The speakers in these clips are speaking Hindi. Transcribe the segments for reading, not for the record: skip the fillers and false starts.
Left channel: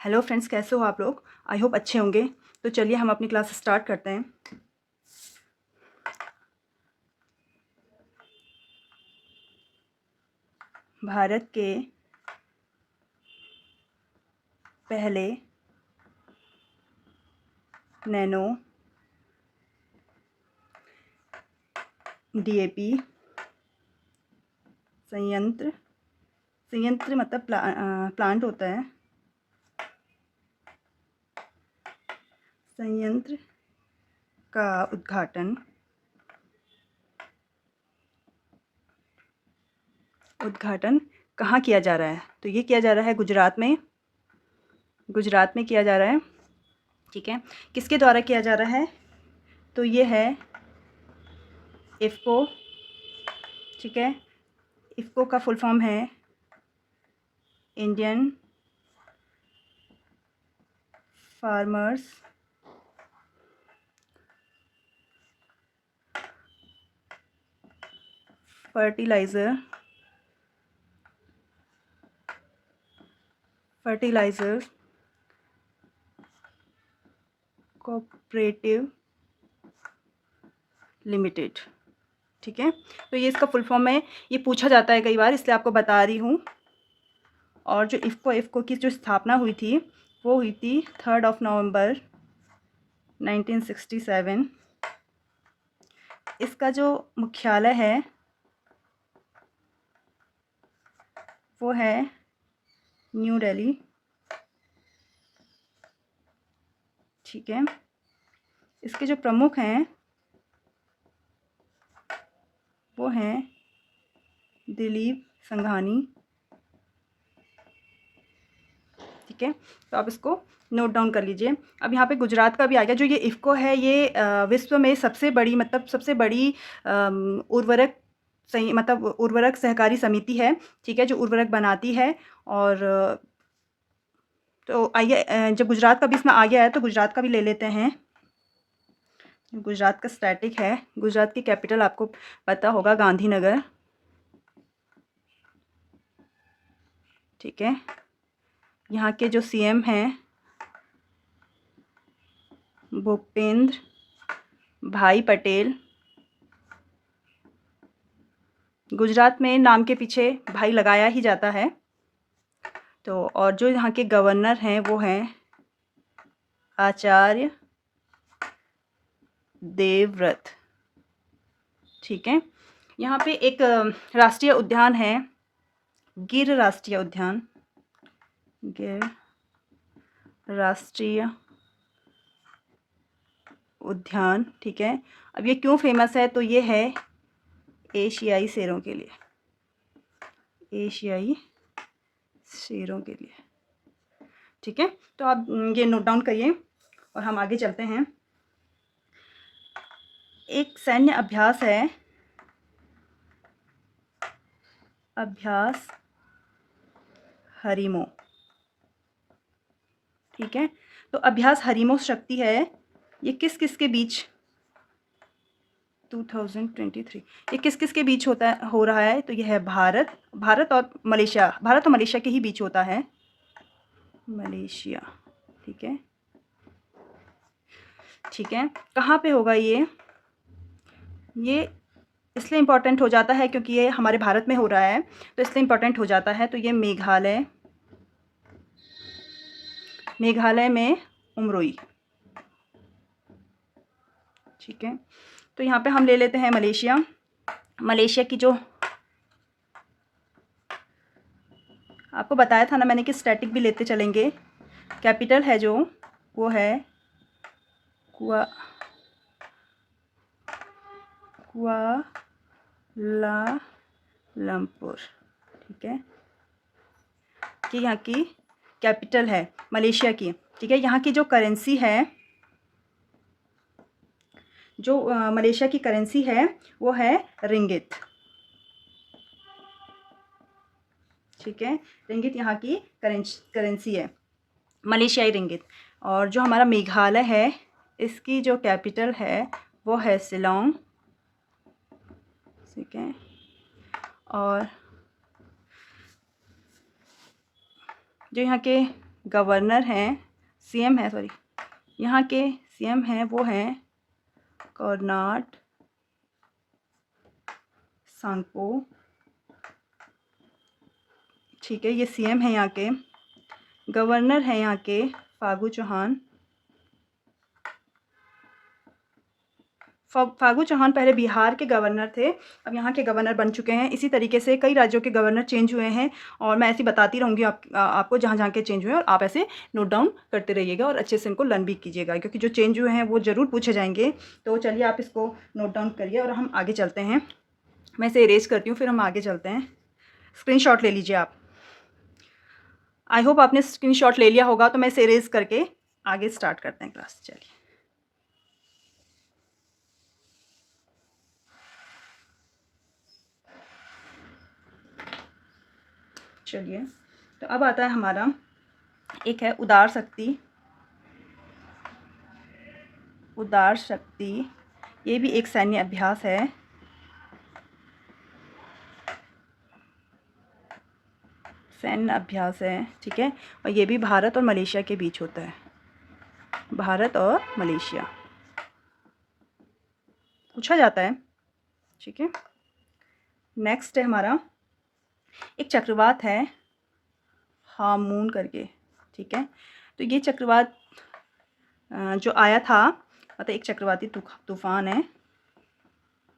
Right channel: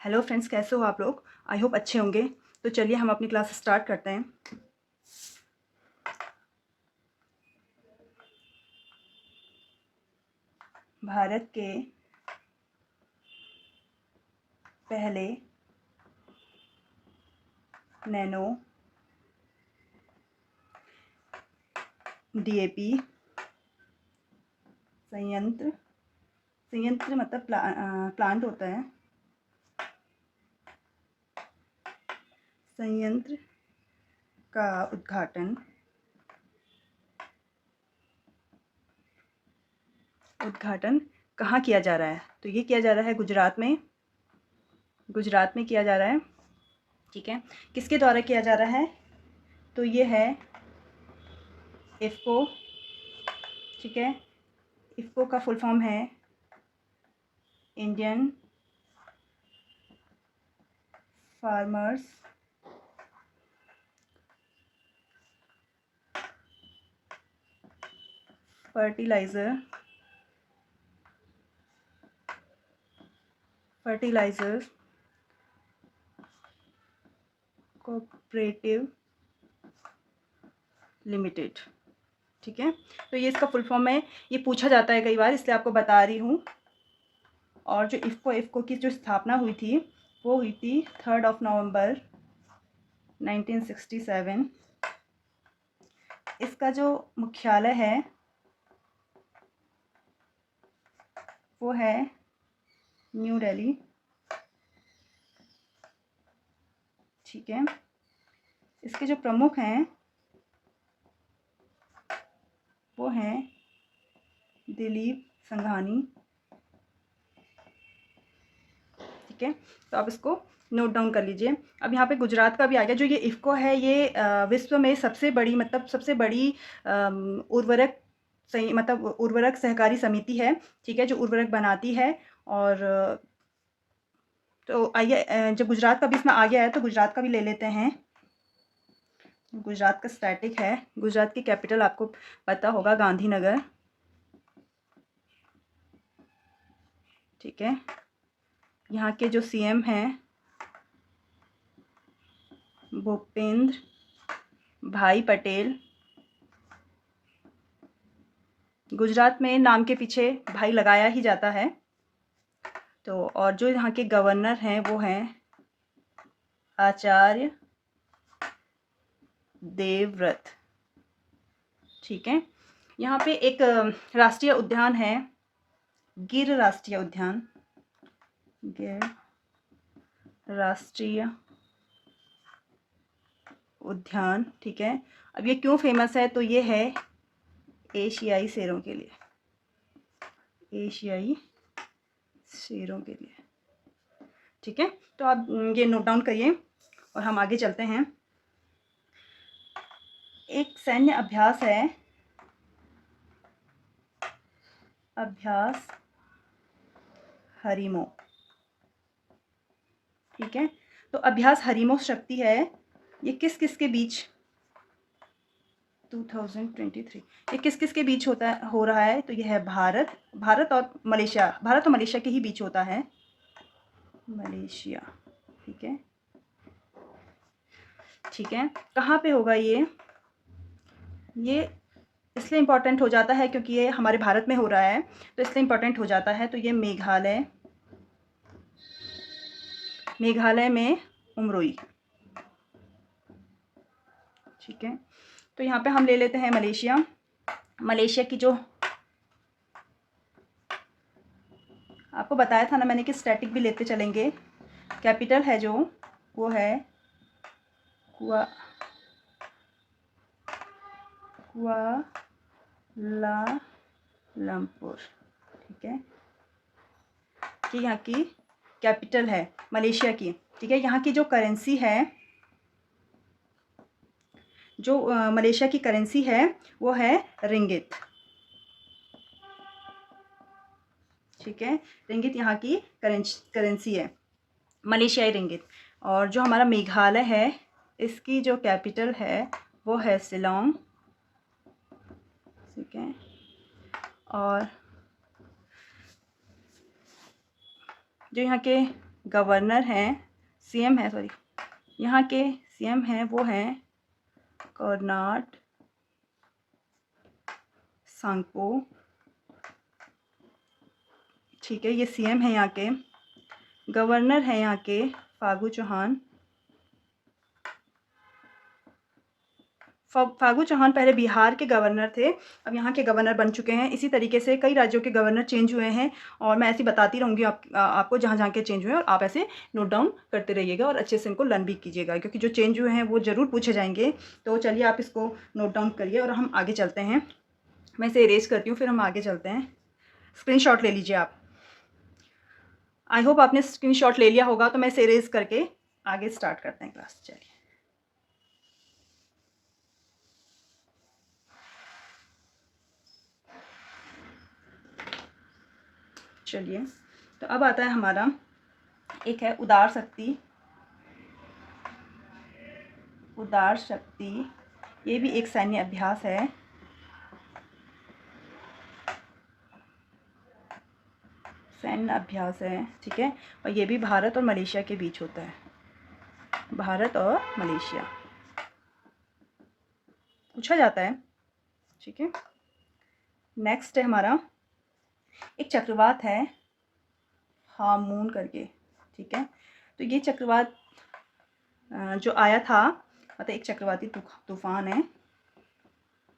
हेलो फ्रेंड्स, कैसे हो आप लोग? आई होप अच्छे होंगे। तो चलिए हम अपनी क्लास स्टार्ट करते हैं। भारत के पहले नैनो डीएपी संयंत्र मतलब प्लांट होता है। संयंत्र का उद्घाटन कहाँ किया जा रहा है? तो ये किया जा रहा है गुजरात में किया जा रहा है। ठीक है, किसके द्वारा किया जा रहा है? तो ये है इफ़को। ठीक है, इफ़को का फुल फॉर्म है Indian farmers fertiliser cooperative limited. ठीक है, तो ये इसका फुल फॉर्म है। ये पूछा जाता है कई बार, इसलिए आपको बता रही हूँ। और जो इफ़को की जो स्थापना हुई थी वो हुई थी 3 नवंबर 1967। इसका जो मुख्यालय है वो है न्यू दिल्ली। ठीक है, इसके जो प्रमुख हैं वो हैं दिलीप संघानी। ठीक है, तो आप इसको नोट डाउन कर लीजिए। अब यहाँ पे गुजरात का भी आ गया। जो ये इफ़को है ये विश्व में सबसे बड़ी उर्वरक सहकारी समिति है। ठीक है, जो उर्वरक बनाती है। और तो आइए, जब गुजरात का भी इसमें आ गया है तो गुजरात का भी ले लेते हैं। गुजरात का स्टैटिक है। गुजरात की कैपिटल आपको पता होगा, गांधीनगर। ठीक है, यहाँ के जो सीएम हैं भूपेंद्र भाई पटेल। गुजरात में नाम के पीछे भाई लगाया ही जाता है। तो और जो यहाँ के गवर्नर हैं वो हैं आचार्य देवव्रत। ठीक है, यहाँ पे एक राष्ट्रीय उद्यान है, गिर राष्ट्रीय उद्यान। गिर राष्ट्रीय उद्यान। ठीक है, अब ये क्यों फेमस है? तो ये है एशियाई शेरों के लिए। एशियाई शेरों के लिए। ठीक है, तो आप ये नोट डाउन करिए और हम आगे चलते हैं। एक सैन्य अभ्यास है, अभ्यास हरिमो। ठीक है, तो अभ्यास हरिमो शक्ति है, ये किस किस के बीच 2023 ये किस किस के बीच हो रहा है? तो ये है भारत और मलेशिया के ही बीच होता है। मलेशिया। ठीक है, ठीक है, कहाँ पे होगा ये इसलिए इम्पोर्टेंट हो जाता है क्योंकि ये हमारे भारत में हो रहा है, तो इसलिए इम्पोर्टेंट हो जाता है। तो ये मेघालय में उमरोई। ठीक है, तो यहाँ पे हम ले लेते हैं मलेशिया की जो आपको बताया था ना मैंने कि स्टैटिक भी लेते चलेंगे। कैपिटल है जो वो है कुआलालंपुर। ठीक है, कि यहाँ की कैपिटल है मलेशिया की। ठीक है, यहाँ की जो करेंसी है, मलेशिया की करेंसी है वो है रिंगित। ठीक है, रिंगित यहाँ की करेंसी है, मलेशियाई रिंगित। और जो हमारा मेघालय है इसकी जो कैपिटल है वो है शिलोंग। ठीक है, और जो यहाँ के गवर्नर हैं, सीएम है, सॉरी, यहाँ के सीएम हैं वो हैं कोनार्ड सांगपो। ठीक है, ये सीएम है यहाँ के। गवर्नर है यहाँ के फागू चौहान। फागू चौहान पहले बिहार के गवर्नर थे, अब यहाँ के गवर्नर बन चुके हैं। इसी तरीके से कई राज्यों के गवर्नर चेंज हुए हैं और मैं ऐसी बताती रहूँगी आपको जहाँ जहाँ के चेंज हुए हैं, और आप ऐसे नोट डाउन करते रहिएगा और अच्छे से इनको लर्न भी कीजिएगा, क्योंकि जो चेंज हुए हैं वो ज़रूर पूछे जाएंगे। तो चलिए आप इसको नोट डाउन करिए और हम आगे चलते हैं। मैं इसे इरेज करती हूँ, फिर हम आगे चलते हैं। स्क्रीनशॉट ले लीजिए आप। आई होप आपने स्क्रीनशॉट ले लिया होगा, तो मैं इसे इरेज करके आगे स्टार्ट करते हैं क्लास। चलिए, तो अब आता है हमारा एक है उदार शक्ति। उदार शक्ति ये भी एक सैन्य अभ्यास है। सैन्य अभ्यास है, ठीक है, और ये भी भारत और मलेशिया के बीच होता है। भारत और मलेशिया पूछा जाता है, ठीक है। नेक्स्ट है हमारा एक चक्रवात है हामून करके, ठीक है। तो ये चक्रवात जो आया था, मतलब एक चक्रवाती तूफान है,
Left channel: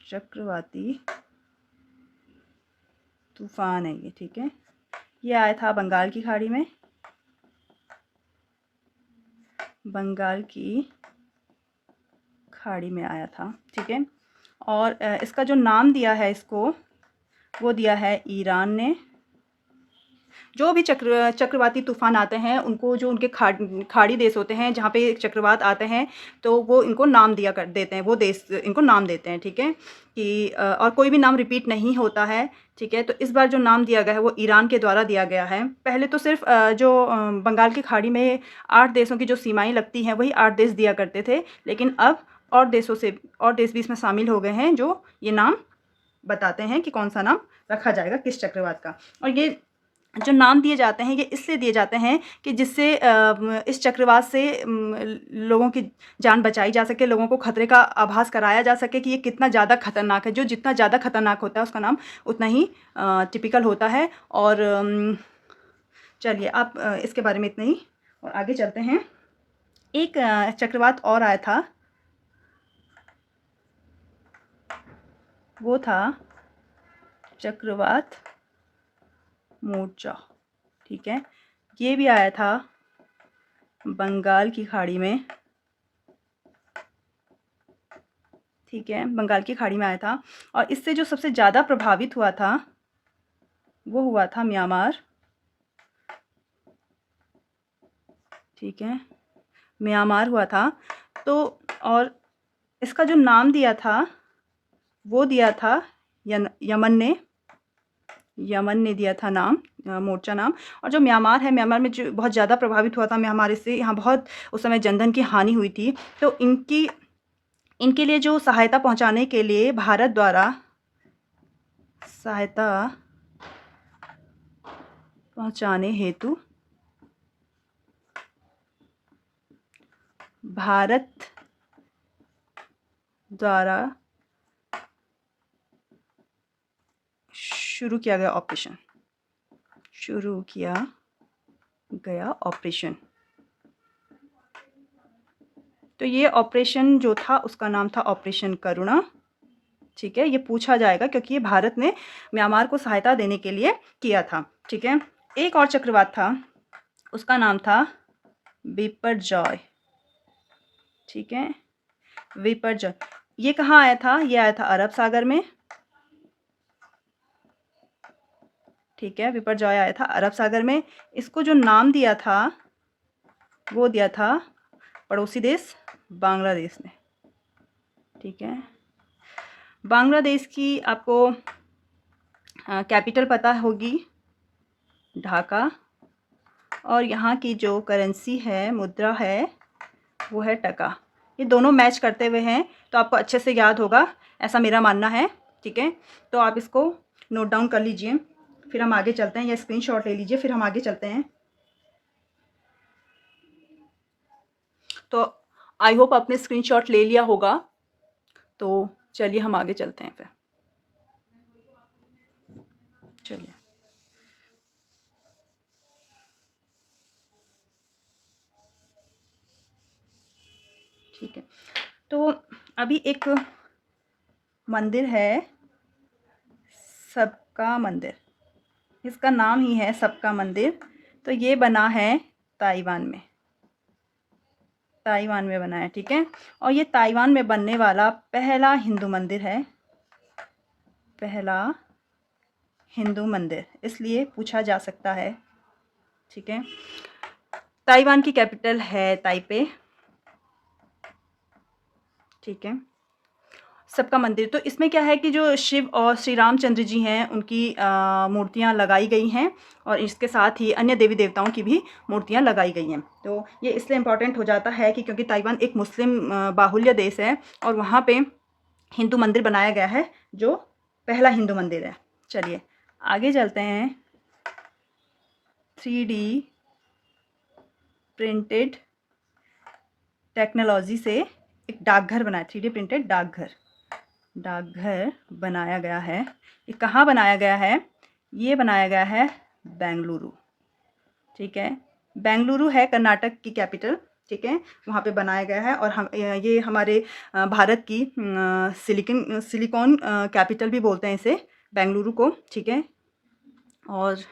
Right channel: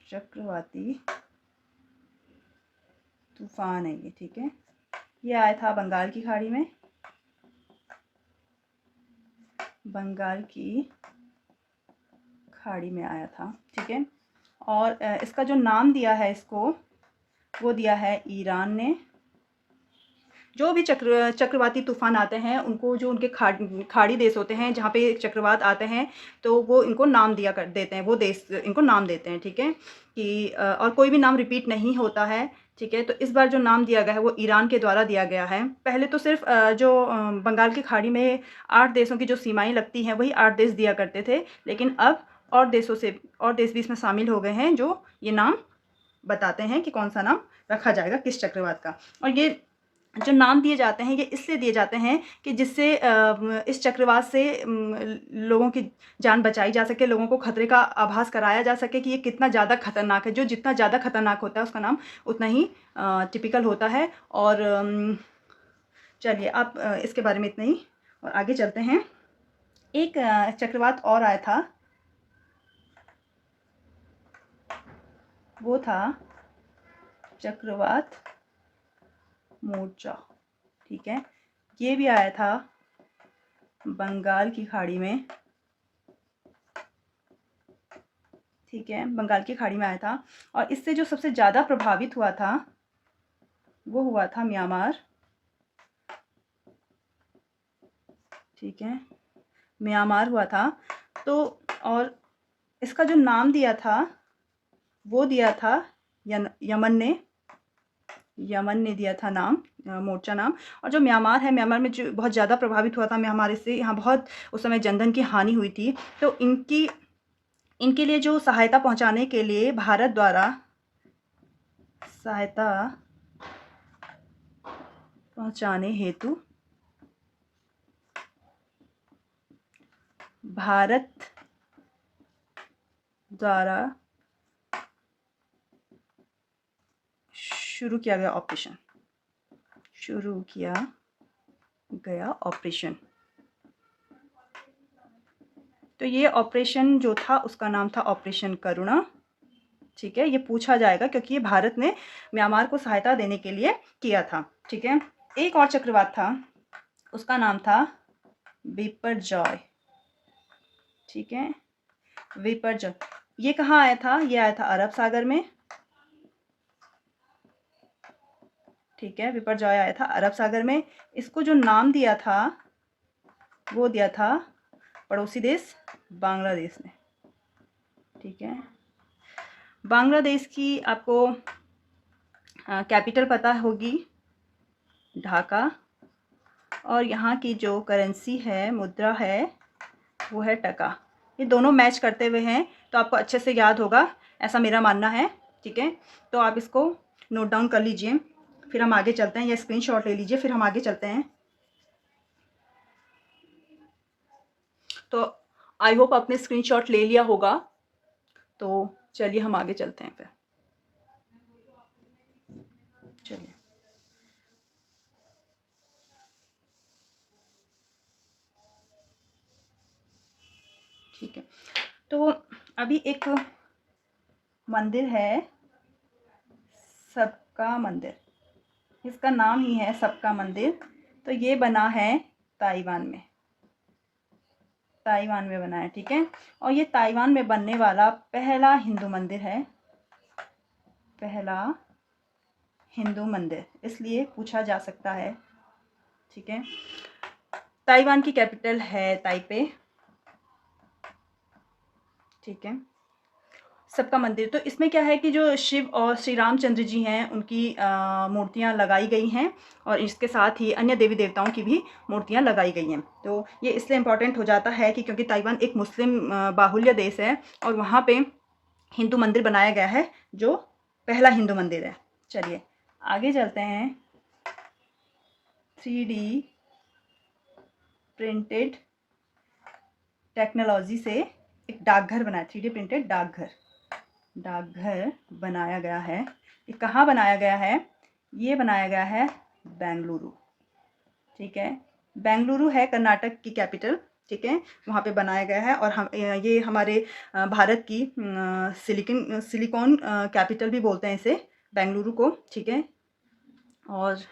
चक्रवाती तूफान है ये, ठीक है। ये आया था बंगाल की खाड़ी में, बंगाल की खाड़ी में आया था, ठीक है। और इसका जो नाम दिया है इसको, वो दिया है ईरान ने। जो भी चक्रवाती तूफान आते हैं उनको, जो उनके खाड़ी देश होते हैं जहाँ पे चक्रवात आते हैं, तो वो इनको नाम दिया कर देते हैं, वो देश इनको नाम देते हैं, ठीक है। कि और कोई भी नाम रिपीट नहीं होता है, ठीक है। तो इस बार जो नाम दिया गया है वो ईरान के द्वारा दिया गया है। पहले तो सिर्फ जो बंगाल की खाड़ी में 8 देशों की जो सीमाएं लगती हैं वही 8 देश दिया करते थे, लेकिन अब और देश भी इसमें शामिल हो गए हैं जो ये नाम बताते हैं कि कौन सा नाम रखा जाएगा किस चक्रवात का। और ये जो नाम दिए जाते हैं ये इसलिए दिए जाते हैं कि जिससे इस चक्रवात से लोगों की जान बचाई जा सके, लोगों को खतरे का आभास कराया जा सके कि ये कितना ज़्यादा खतरनाक है। जो जितना ज़्यादा खतरनाक होता है उसका नाम उतना ही टिपिकल होता है। और चलिए आप इसके बारे में इतना ही, और आगे चलते हैं। एक चक्रवात और आया था, वो था चक्रवात मोर्चा, ठीक है। ये भी आया था बंगाल की खाड़ी में, ठीक है, बंगाल की खाड़ी में आया था। और इससे जो सबसे ज़्यादा प्रभावित हुआ था वो हुआ था म्यांमार, ठीक है, म्यांमार हुआ था। तो और इसका जो नाम दिया था वो दिया था यमन ने दिया था नाम, मोर्चा नाम। और जो म्यांमार है, म्यांमार में जो बहुत ज़्यादा प्रभावित हुआ था म्यांमार, इससे यहाँ बहुत उस समय जनधन की हानि हुई थी। तो इनके लिए जो सहायता पहुँचाने के लिए भारत द्वारा सहायता पहुँचाने हेतु भारत द्वारा शुरू किया गया ऑपरेशन। तो ये ऑपरेशन जो था उसका नाम था ऑपरेशन करुणा, ठीक है। ये पूछा जाएगा क्योंकि ये भारत ने म्यांमार को सहायता देने के लिए किया था, ठीक है। एक और चक्रवात था, उसका नाम था बिपरजॉय, ठीक है, बिपरजॉय। ये कहाँ आया था? ये आया था अरब सागर में, ठीक है, बिपरजॉय आया था अरब सागर में। इसको जो नाम दिया था वो दिया था पड़ोसी देश बांग्लादेश ने, ठीक है। बांग्लादेश की आपको कैपिटल पता होगी, ढाका, और यहाँ की जो करेंसी है, मुद्रा है, वो है टका। ये दोनों मैच करते हुए हैं तो आपको अच्छे से याद होगा, ऐसा मेरा मानना है, ठीक है। तो आप इसको नोट डाउन कर लीजिए, फिर हम आगे चलते हैं, या स्क्रीनशॉट ले लीजिए, फिर हम आगे चलते हैं। तो आई होप आपने स्क्रीनशॉट ले लिया होगा। तो चलिए हम आगे चलते हैं फिर। चलिए, ठीक है। तो अभी एक मंदिर है, सबका मंदिर, इसका नाम ही है सबका मंदिर। तो ये बना है ताइवान में, ताइवान में बना है, ठीक है। और ये ताइवान में बनने वाला पहला हिंदू मंदिर है, पहला हिंदू मंदिर, इसलिए पूछा जा सकता है, ठीक है। ताइवान की कैपिटल है ताइपे, ठीक है। सबका मंदिर, तो इसमें क्या है कि जो शिव और श्री रामचंद्र जी हैं उनकी मूर्तियाँ लगाई गई हैं, और इसके साथ ही अन्य देवी देवताओं की भी मूर्तियाँ लगाई गई हैं। तो ये इसलिए इम्पॉर्टेंट हो जाता है कि क्योंकि ताइवान एक मुस्लिम बाहुल्य देश है, और वहाँ पे हिंदू मंदिर बनाया गया है, जो पहला हिंदू मंदिर है। चलिए आगे चलते हैं। 3D प्रिंटेड टेक्नोलॉजी से एक डाकघर बनाया, 3D प्रिंटेड डाकघर बनाया गया है। ये कहाँ बनाया गया है? ये बनाया गया है बेंगलुरु, ठीक है। बेंगलुरु है कर्नाटक की कैपिटल, ठीक है, वहाँ पे बनाया गया है। और हम ये हमारे भारत की सिलिकॉन कैपिटल भी बोलते हैं इसे, बेंगलुरु को, ठीक है। और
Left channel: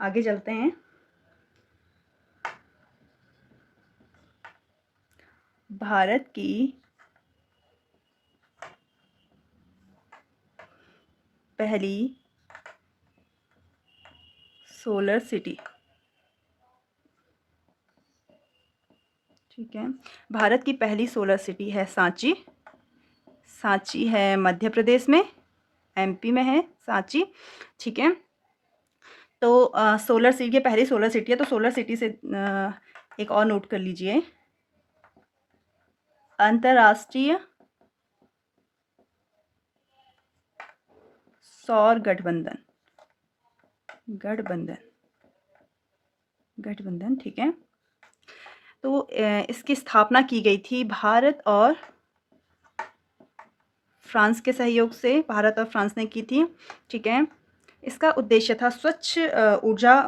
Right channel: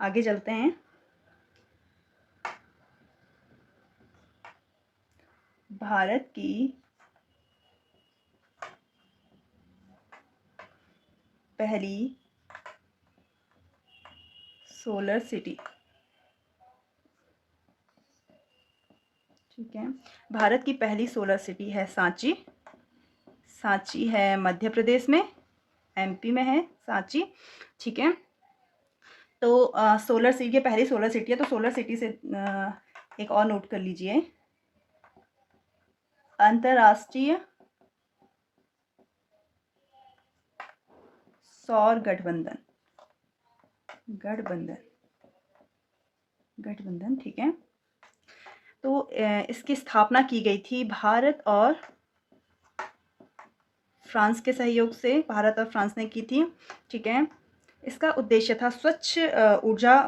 आगे चलते हैं। भारत की पहली सोलर सिटी, ठीक है। भारत की पहली सोलर सिटी है सांची, सांची है मध्य प्रदेश में, एमपी में है सांची, ठीक है। तो सोलर सिटी, ये पहली सोलर सिटी है। तो सोलर सिटी से एक और नोट कर लीजिए, अंतर्राष्ट्रीय सौर गठबंधन, गठबंधन, ठीक है। तो इसकी स्थापना की गई थी भारत और फ्रांस के सहयोग से, भारत और फ्रांस ने की थी, ठीक है। इसका उद्देश्य था स्वच्छ ऊर्जा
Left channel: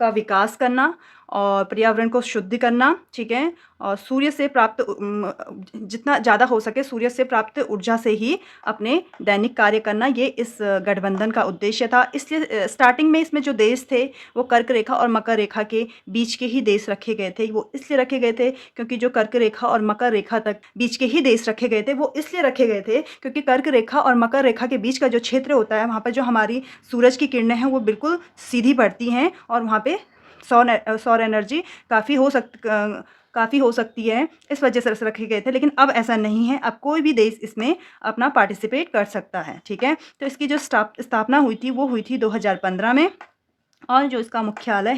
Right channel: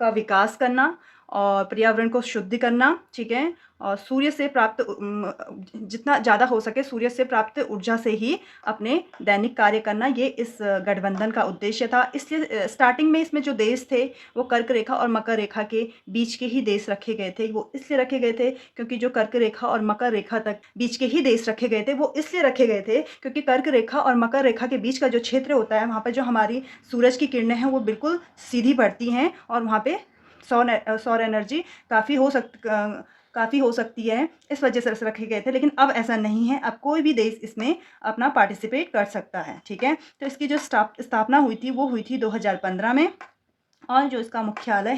का विकास करना और पर्यावरण को शुद्ध करना, ठीक है। और सूर्य से प्राप्त जितना ज़्यादा हो सके सूर्य से प्राप्त ऊर्जा से ही अपने दैनिक कार्य करना, ये इस गठबंधन का उद्देश्य था। इसलिए स्टार्टिंग में इसमें जो देश थे वो कर्क रेखा और मकर रेखा के बीच के ही देश रखे गए थे। वो इसलिए रखे गए थे क्योंकि जो कर्क रेखा और मकर रेखा तक बीच के ही देश रखे गए थे, वो इसलिए रखे गए थे क्योंकि कर्क रेखा और मकर रेखा के बीच का जो क्षेत्र होता है, वहाँ पर जो हमारी सूरज की किरणें हैं वो बिल्कुल सीधी पड़ती हैं, और वहाँ पे सौर एनर्जी काफ़ी हो सकती है, इस वजह से रखे गए थे। लेकिन अब ऐसा नहीं है, अब कोई भी देश इसमें अपना पार्टिसिपेट कर सकता है, ठीक है। तो इसकी जो स्थापना हुई थी वो हुई थी 2015 में, और जो इसका मुख्यालय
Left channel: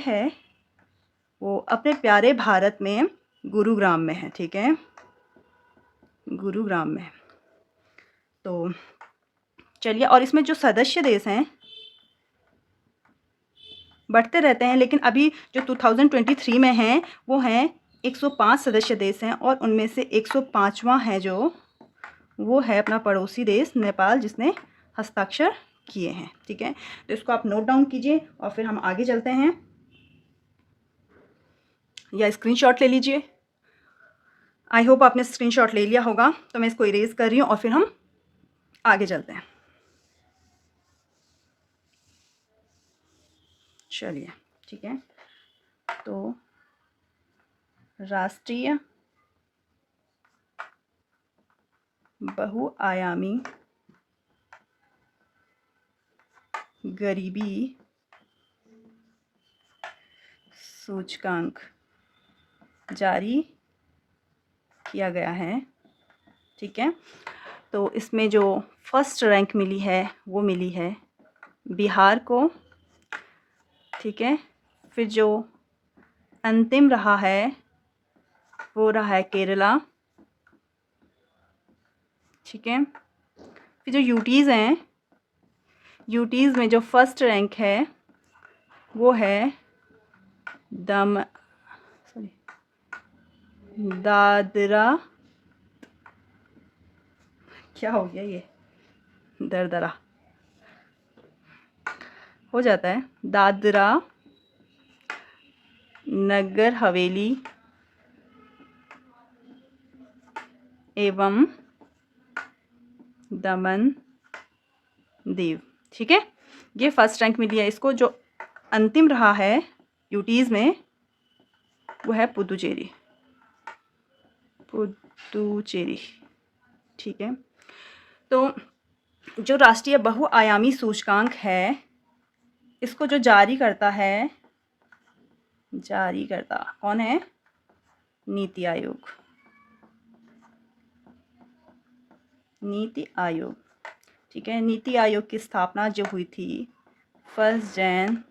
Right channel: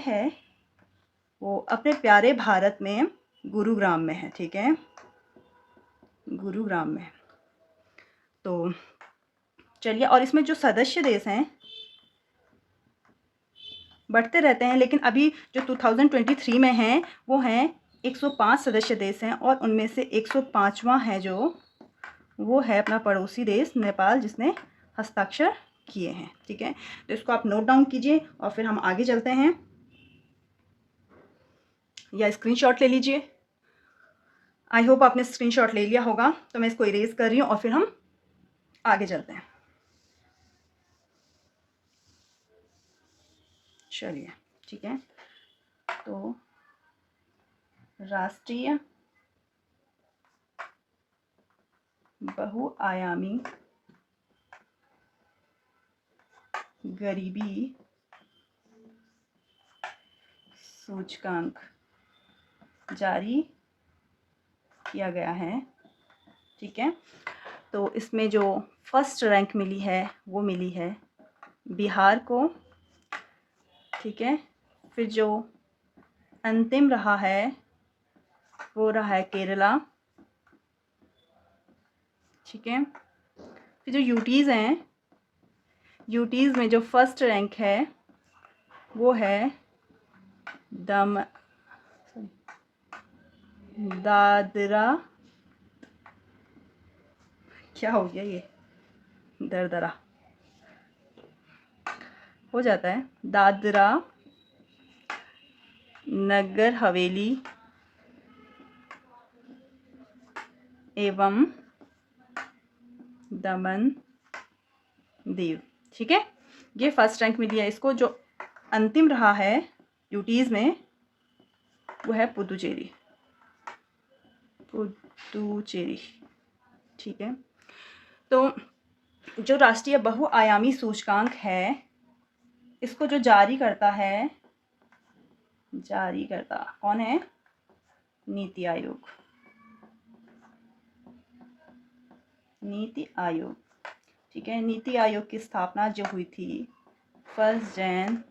है वो अपने प्यारे भारत में गुरुग्राम में है, ठीक है, गुरुग्राम में। तो चलिए, और इसमें जो सदस्य देश हैं बढ़ते रहते हैं, लेकिन अभी जो 2023 में हैं वो हैं 105 सदस्य देश हैं, और उनमें से 105वां है जो वो है अपना पड़ोसी देश नेपाल, जिसने हस्ताक्षर किए हैं, ठीक है। तो इसको आप नोट डाउन कीजिए और फिर हम आगे चलते हैं, या स्क्रीनशॉट ले लीजिए। आई होप आपने स्क्रीनशॉट ले लिया होगा। तो मैं इसको इरेज कर रही हूँ और फिर हम आगे चलते हैं। चलिए, ठीक है। तो राष्ट्रीय बहुआयामी गरीबी सूचकांक जारी किया गया है, ठीक है। तो इसमें जो फर्स्ट रैंक मिली है वो मिली है बिहार को, ठीक है। फिर जो अंतिम रहा है वो रहा है केरला, ठीक है। फिर जो यूटीज़ हैं, यूटीज़ में जो फर्स्ट रैंक है वो है दम सॉरी दादरा, क्या हो गया ये, दरदरा हो जाता है, दादरा नगर हवेली एवं दमन दीव। ठीक है, ये फर्स्ट रैंक मिली है इसको। जो अंतिम रहा है यूटीज़ में वो है पुदुचेरी, पुदुचेरी। ठीक है, तो जो राष्ट्रीय बहुआयामी सूचकांक है इसको जो जारी करता कौन है? नीति आयोग। नीति आयोग, ठीक है। नीति आयोग की स्थापना जो हुई थी 1 जनवरी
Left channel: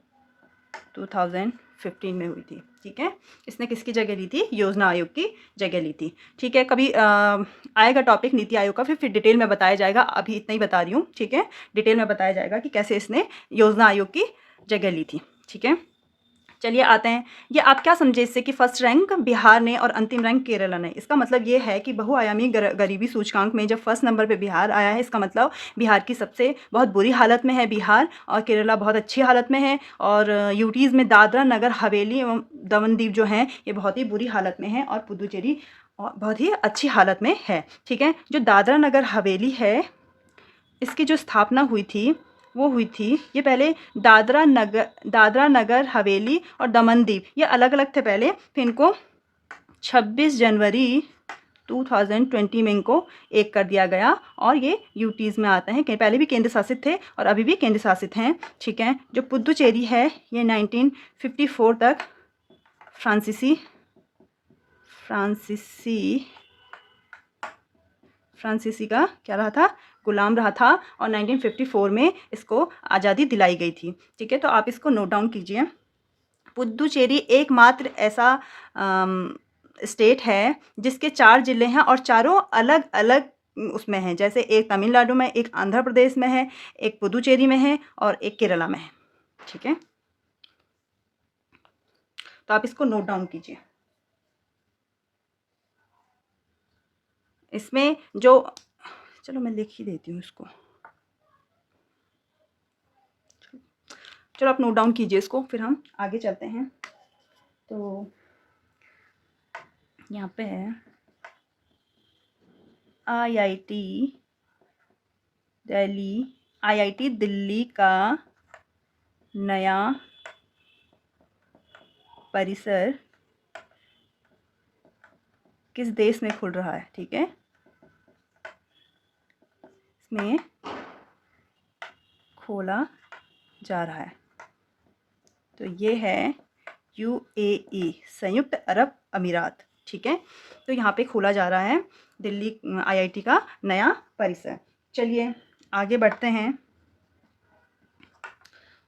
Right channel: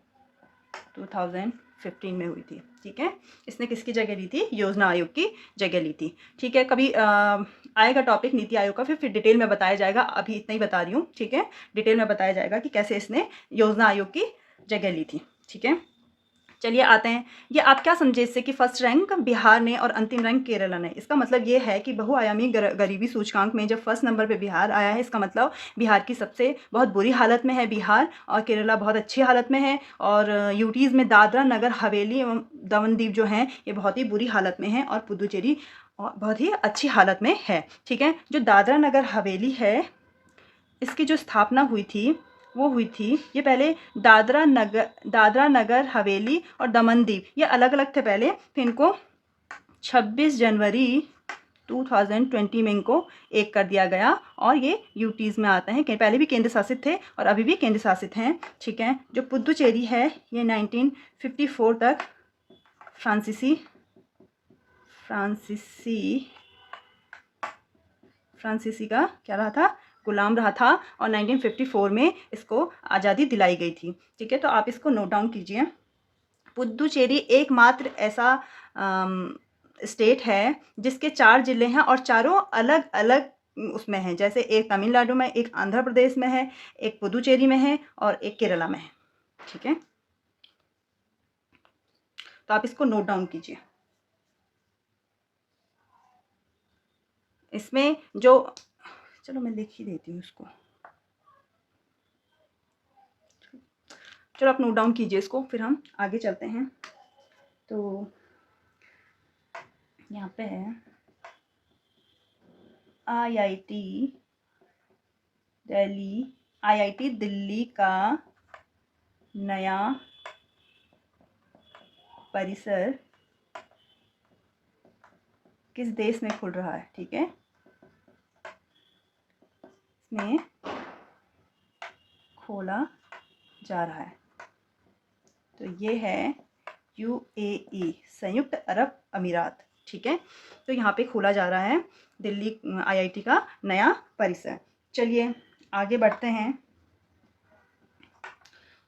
2015 में हुई थी। ठीक है, इसने किसकी जगह ली थी? योजना आयोग की जगह ली थी। ठीक है, कभी आएगा टॉपिक नीति आयोग का, फिर डिटेल में बताया जाएगा, अभी इतना ही बता रही हूँ। ठीक है, डिटेल में बताया जाएगा कि कैसे इसने योजना आयोग की जगह ली थी। ठीक है, चलिए आते हैं, ये आप क्या समझे इससे कि फर्स्ट रैंक बिहार ने और अंतिम रैंक केरला ने। इसका मतलब ये है कि बहुआयामी गरीबी सूचकांक में जब फर्स्ट नंबर पे बिहार आया है, इसका मतलब बिहार की सबसे बहुत बुरी हालत में है बिहार, और केरला बहुत अच्छी हालत में है। और यूटीज़ में दादरा नगर हवेली एवं दमन दीव जो हैं ये बहुत ही बुरी हालत में हैं, और पुदुचेरी बहुत ही अच्छी हालत में है। ठीक है, जो दादरा नगर हवेली है इसकी जो स्थापना हुई थी वो हुई थी, ये पहले दादरा नगर हवेली और दमन दीव ये अलग अलग थे पहले, फिर इनको 26 जनवरी 2020 में इनको एक कर दिया गया, और ये यूटीज़ में आते हैं। पहले भी केंद्र शासित थे और अभी भी केंद्र शासित हैं। ठीक है, जो पुदुचेरी है ये 1954 तक फ्रांसीसी का क्या रहा था? गुलाम रहा था, और 1954 में इसको आज़ादी दिलाई गई थी। ठीक है, तो आप इसको नोट डाउन कीजिए। पुदुचेरी एकमात्र ऐसा स्टेट है जिसके 4 ज़िले हैं और चारों अलग अलग उसमें हैं, जैसे एक तमिलनाडु में, एक आंध्र प्रदेश में है, एक पुदुचेरी में है और एक केरला में है। ठीक है, तो आप इसको नोट डाउन कीजिए। इसमें जो, चलो मैं लिख ही देती हूँ इसको, चलो आप नोट डाउन कीजिए इसको, फिर हम आगे चलते हैं। तो यहाँ पे है आईआईटी दिल्ली का नया परिसर किस देश में खुल रहा है? ठीक है, इसमें खोला जा रहा है, तो ये है यूएई, संयुक्त अरब अमीरात। ठीक है, तो यहाँ पे खोला जा रहा है दिल्ली आईआईटी का नया परिसर। चलिए आगे बढ़ते हैं,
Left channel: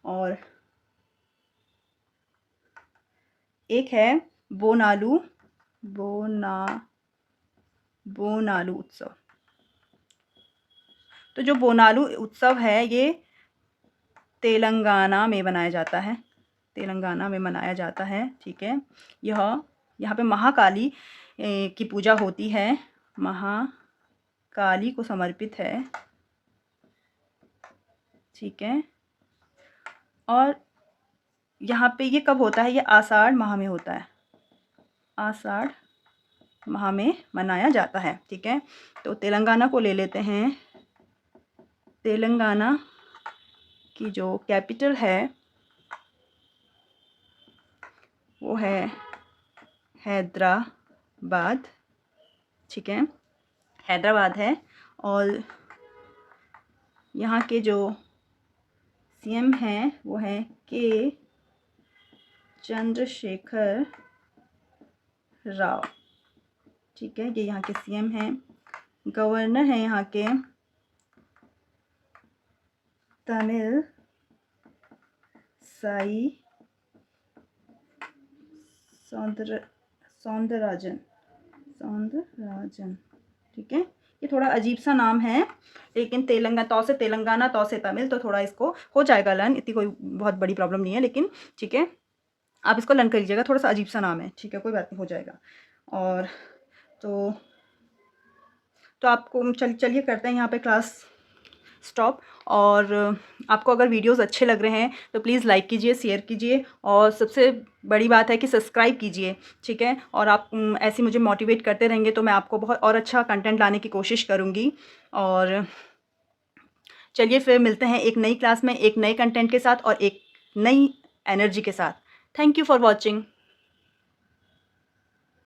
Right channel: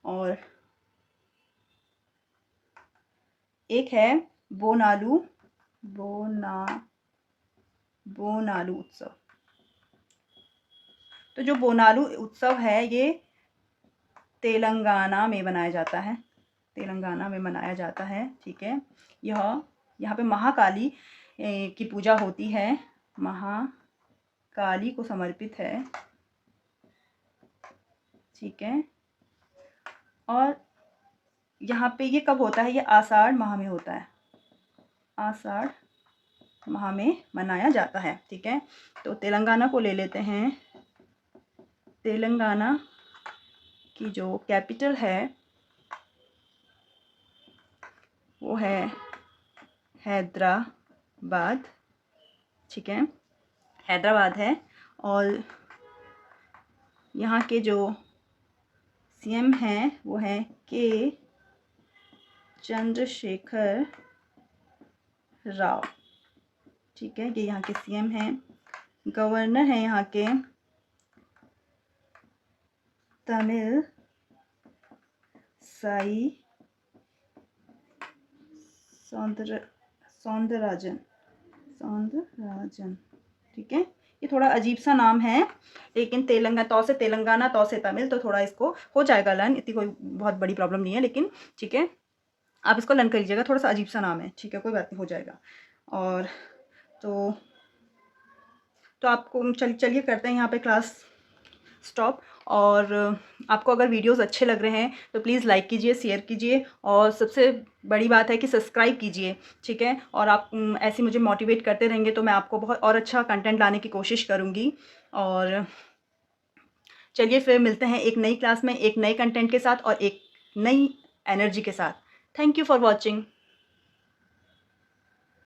और एक है बोनालू उत्सव। तो जो बोनालू उत्सव है ये तेलंगाना में मनाया जाता है। ठीक है, यहाँ पे महाकाली की पूजा होती है, महाकाली को समर्पित है। ठीक है, और यहाँ पे ये कब होता है? ये आषाढ़ माह में होता है, आषाढ़ माह में मनाया जाता है। ठीक है, तो तेलंगाना को ले लेते हैं। तेलंगाना की जो कैपिटल है वो है हैदराबाद। ठीक है, हैदराबाद है, और यहाँ के जो सीएम हैं वो है के चंद्रशेखर राव। ठीक है, ये यहाँ के सीएम हैं। गवर्नर हैं यहाँ के तमिल साई सौंदरराजन। ठीक है, ये थोड़ा अजीब सा नाम है, लेकिन तेलंगाना तौ से तमिल, तो थोड़ा इसको हो जाएगा लर्न, इतनी कोई बहुत बड़ी प्रॉब्लम नहीं है, लेकिन ठीक है। आप इसको लर्न कर लीजिएगा, थोड़ा सा अजीब सा नाम है, ठीक है, कोई बात नहीं, हो जाएगा। और तो आपको चलिए करते हैं यहाँ पे क्लास स्टॉप। और आपको अगर वीडियोस अच्छे लग रहे हैं तो प्लीज़ लाइक कीजिए, शेयर कीजिए, और सबसे बड़ी बात है कि सब्सक्राइब कीजिए, ठीक है। और आप ऐसे मुझे मोटिवेट करते रहेंगे तो मैं आपको बहुत और अच्छा कंटेंट लाने की कोशिश करूँगी। और चलिए फिर मिलते हैं एक नई क्लास में, एक नए कंटेंट के साथ और एक नई एनर्जी के साथ। Thank you for watching.